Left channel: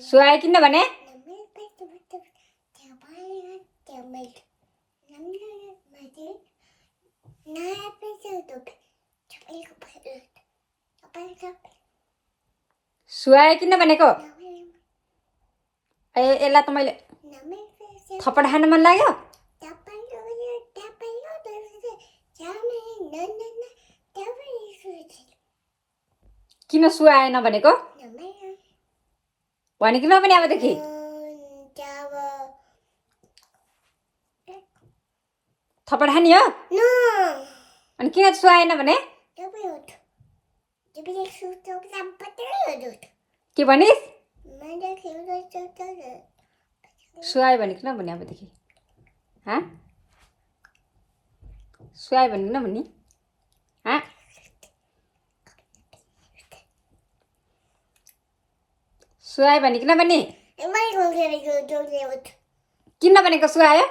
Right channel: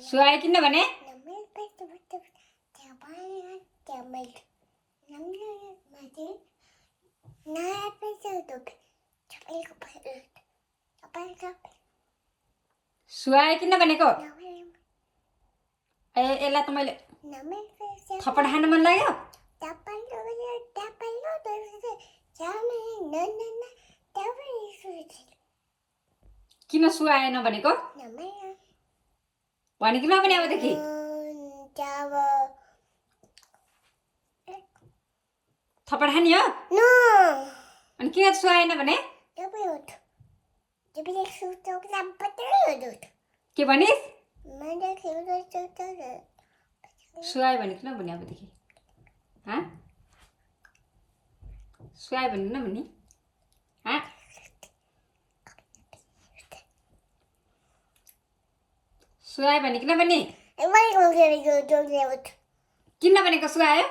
सुहाए किन भने सुहाए किन भनेको यसलाई त मैले थप्पड खान मन लाग्यो किन सुहाएन भनेको भने किन पनि अबदेखि थप्पड खाने हो अनि किन सुहाएन भने के भनिस् सुहाए भने किन भने अबदेखि सुहाए भने किन भन्ने सुहाए भने किन भन्ने किन भनेको सुहायो